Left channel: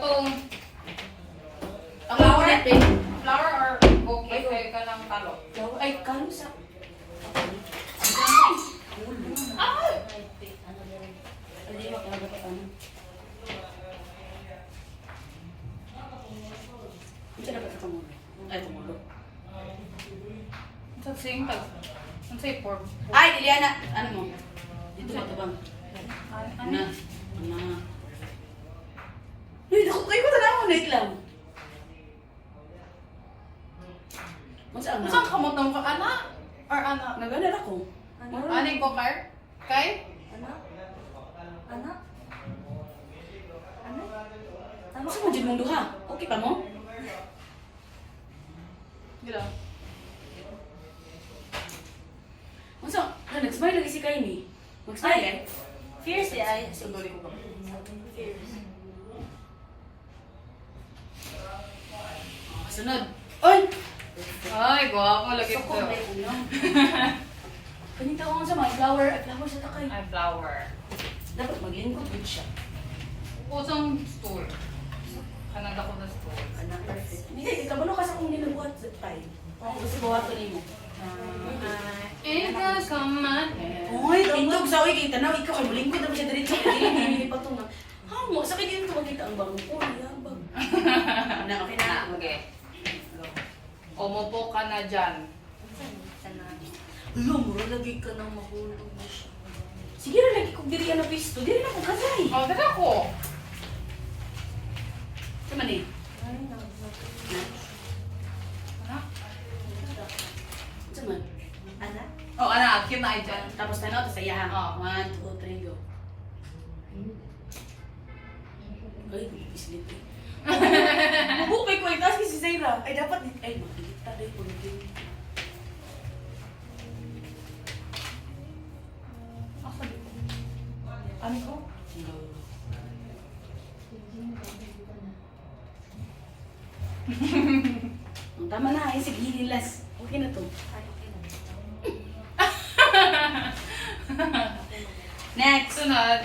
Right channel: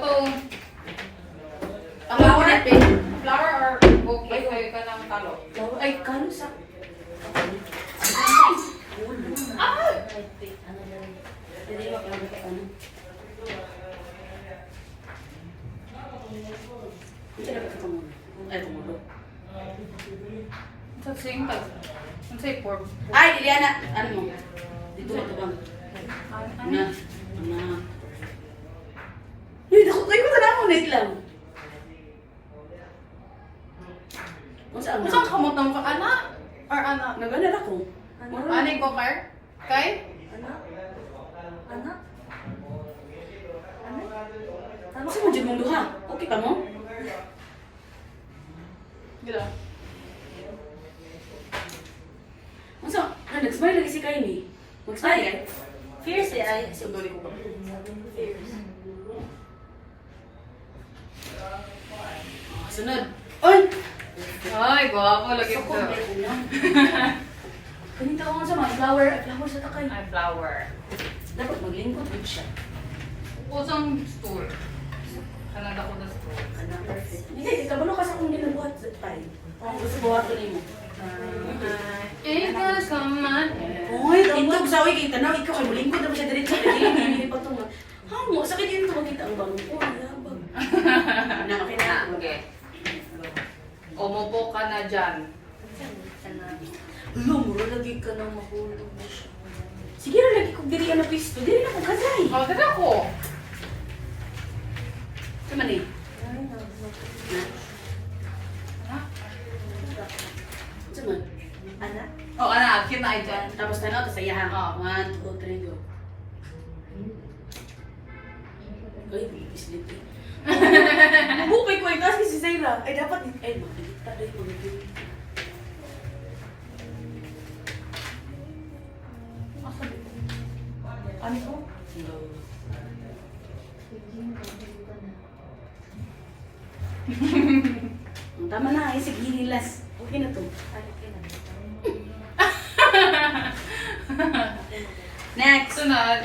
Katong Flower na pin. flower or bouquet pwede ka ng talo. Ay, kano sa... Ah! Hindi ba kaya ba ano? Hindi na ba kumulo? Ay, kumulo. Sa same tag. Ang say form. Ay, Liliana! Ano mo? Dito ba ito bang? Ano? Na. Uy, naku, kayo ko na ako. Wait lang. Kung saan Kung saan ka mo tong anak? Or anak? Naganar ako. Ani ko car? Kay? Anak? Anak? Tama ka mo dyan mong duha. Okay pa mo? Gila. Kung saan? Nag-smile lagi si Kaini. Mag-smile eh. Fierce eh ay. Sundoli ko pa. Fierce. Sunod. Oy! Ay, gwapo lagi Sako, ito. may uno. Kanita ko nga sa mga flower. Flower sa takay. Ay, flower. Dapat maglingkod din siya. Usang store. Kanada ko na store. Perfect. Hindi, itabalo ka sa kung ginabuhat sa time. Gusto buhato rin mo. Ikaw sa man. Uy, intog sa uy, kita na, ikaw kay mulingkod naman siya diretso. Hindi pa ito nga. Hamo, sakit din ito makita ang bagong ko. Labag. Na, okay. Umupo ka na dyan. Ano, mura lagi ka na mahulog na siya. Sige na, lagi kong diri ka na pisto. Diri na kong kanay. Oh, dito ako. Sama ni. Anak? Sama. Anak? Oh, anak, cute na ay dyan. Tapos tayo, tapos sayahan. Oh. 1, 2, 3, go. Ay, bislit eh. Bukay ko, itaas kasi si Zaira. Ay, dapat, ay, makikita rin ko. Asa dito? Ano ko? Tama na, ay, sige, nilas. Okay na to. Next. Sunod.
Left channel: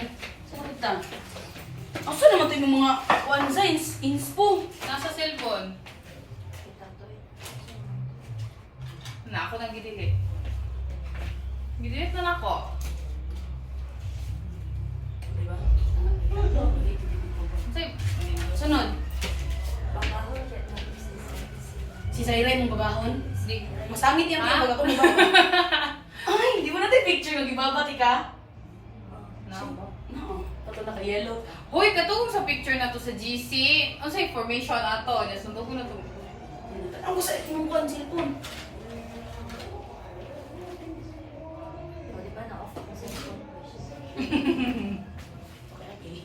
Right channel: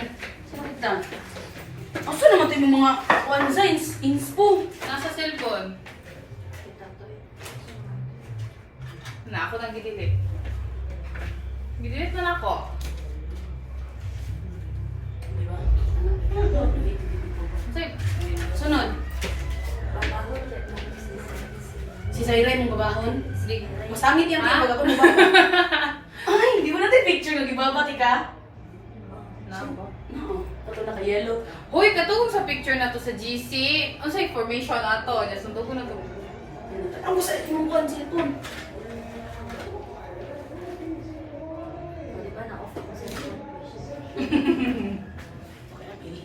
Saan ito? Asa naman ito yung mga one signs? Inspo. Nasa cellphone. Na, ako nang gidilit. Gidilit na ako. Diba? Say, Sunod. Si Zaira yung babahon. di. Masangit yan Ah? pag ako babahon. Ay, di mo natin picture ng ibabati ka? Na ba? No. Ito naka-yellow. Hoy, katong sa picture na to sa GC. Ano sa information ato? Just sunod ko na to. Ang gusto ito yung one cellphone. Di ba na-off ako sa cellphone? Okay, okay.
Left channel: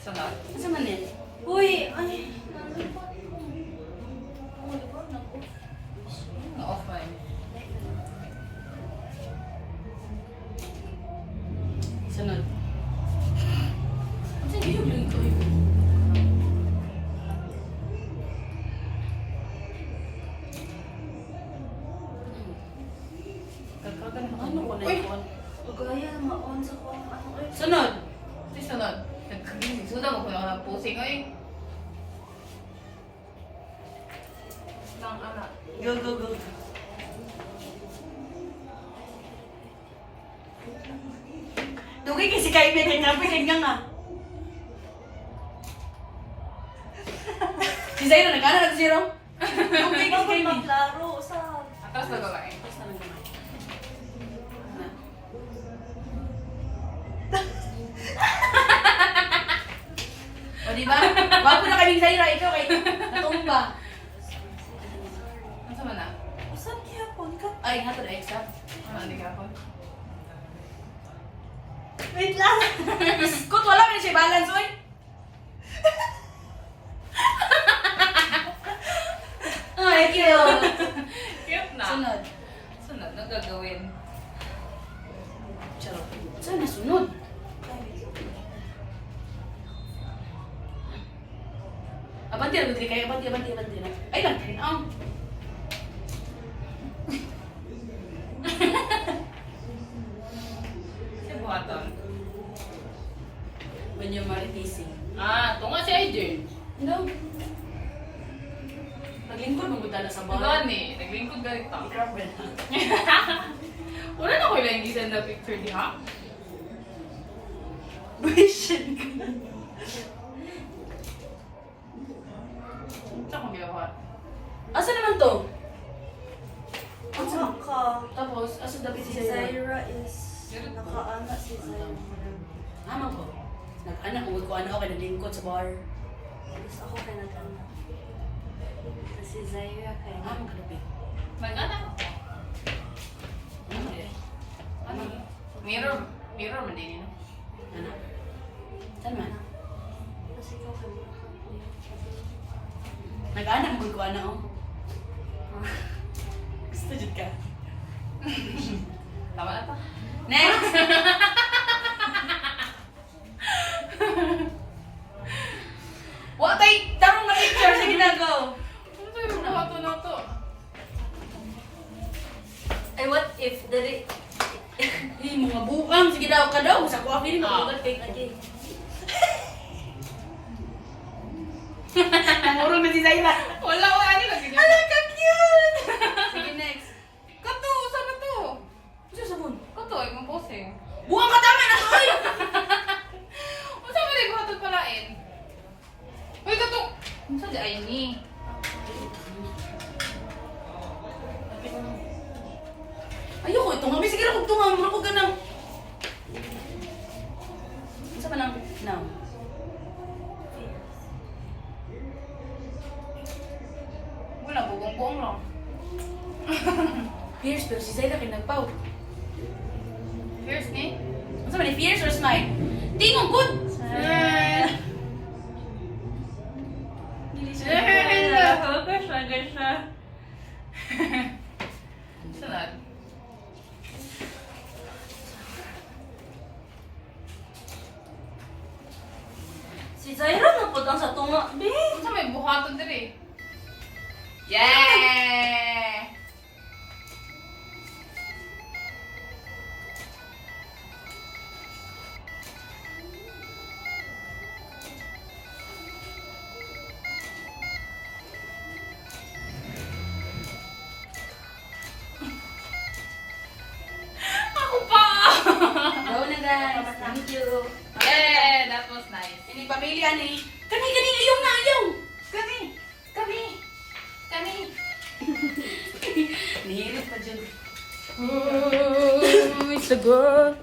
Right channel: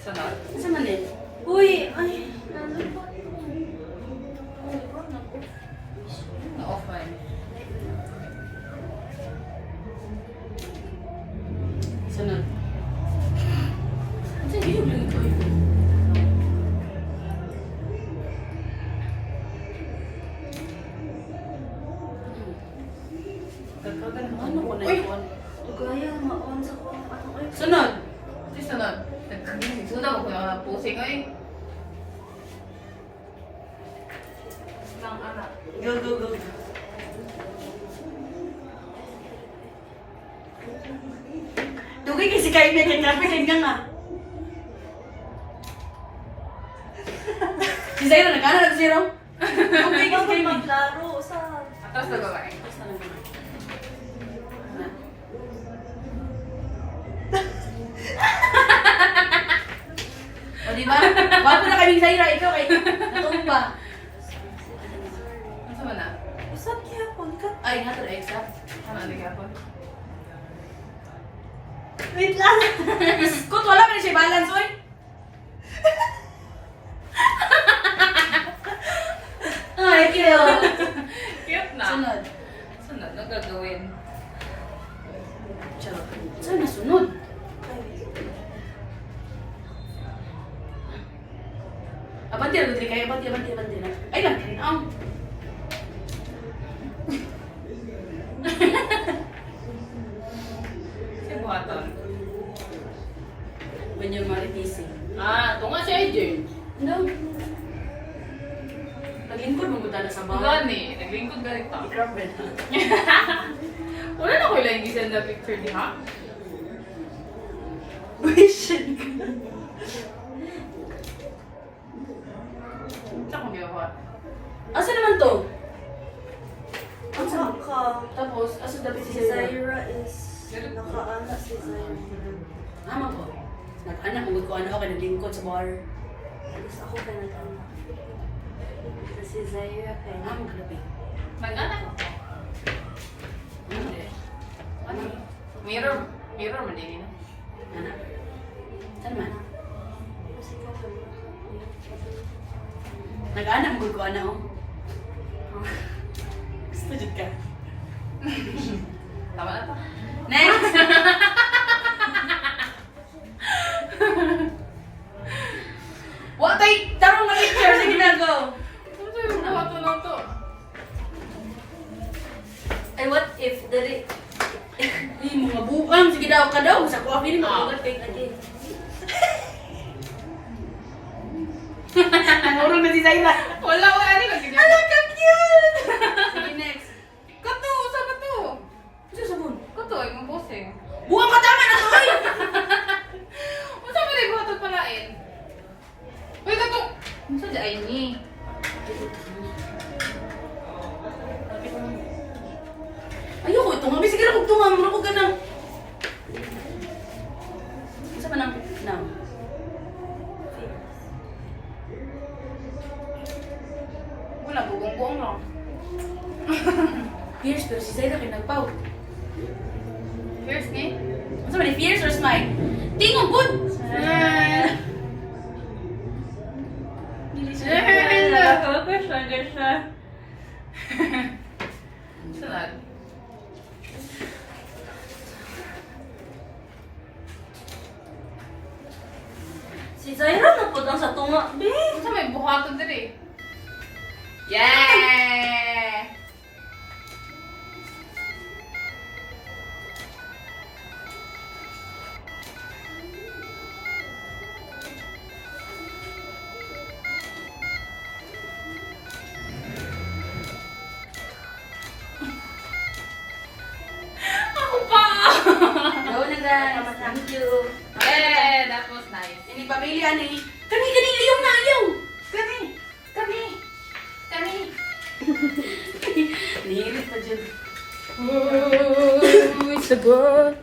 Sunod. Asa man eh? Uy! Ay! Nandun pa. Oh, di ba? Nag-off. Na-off mo yun. Sunod. Asa yung lang ito? Ano ko na Uy! yun? Gaya, ma-on sa ko. Ano ay? Sunod. Di sunod. Nagkagising. Sunod ako na posing ay. Lang anak. Go, go, go. Tugay kasi kayo may kanya nga. Si Zairo, nag-ano na si Zairo? Tugay Di ba kasi kayo may... maglaro sa... Atas na babae. O diba? Bago na kaming Zaira, ikaw kay natumba. Ano ba na? Saan kaya pang ka? Ay, nga to na extra. Ano na ka po? Wait lang! Kut, wala man siya balance, oy. Ay, cute. Cute na. Sunod. Sunod. Anong gagawin? Charot. Saan na sunod? Abanti na, Rodri, kayo. Abanti na. Ay, lang, tinang. Si Buhaton. When your Marites eh. Ah, ito nga si AJ. No. Lagingkod mo dala sa bar. Gani, naglingkod na rin ta. Ikaw, Brad. Wala na ko lang gisend na picture di ha? Wishin ka. Sa kong ginawa. Asa naman to? Asa ka? Tapos, asa dapat Si si Zaira? Zaira is nakaanak si Zaira. Ama ko. Nag-anak mo ko ano ako naglingkod sa bar. Tapos ako ka nag-anak. Si Zaira kay Ama ka labi. Nag-anak. Ano eh? Ano? Mirror man din yun. Anak. Saan man? Kasi ka sa Nag-anak mo ko ano oh. Gusto dyan ka. Tama na to. Next! What ay tarong na picture sige na go. Ano sa'yo yung buhat na lang to? Ay, what if dali? Mga buang sige daw ka daw sa kuha feeling Ah. mo kay Lagi. Murong na si Zaira. Wala, ano lang ganyan. Ano ka cute? Sige next. Kato, sama to. Ano sabon? Kato, ay mong bossing. Buang ka tama na to. Ano sabi na yung buhat palain? Uy, kato. Ano sa di ay ni? Ayoko ito nga. Sige na kung tunga. Mura ko ganang. Sa pa nang now. Wala, bugong-buong lang. Fierce pero si Zaira kay nagpaw. Here's me. Ano sa man fierce or smile? Tingog good. Focus na dyan siya. Sunod. Si Zaira na po sa tunga. Be! Ano sa may buhaton diri? Yeah! Ako pa! Go na guys. Thank you. That was nice. Ini pamilya ni. Kani ayaw na ayaw. Kami! Kami! Kami! Nihirit pa dyan. Uy, sagot!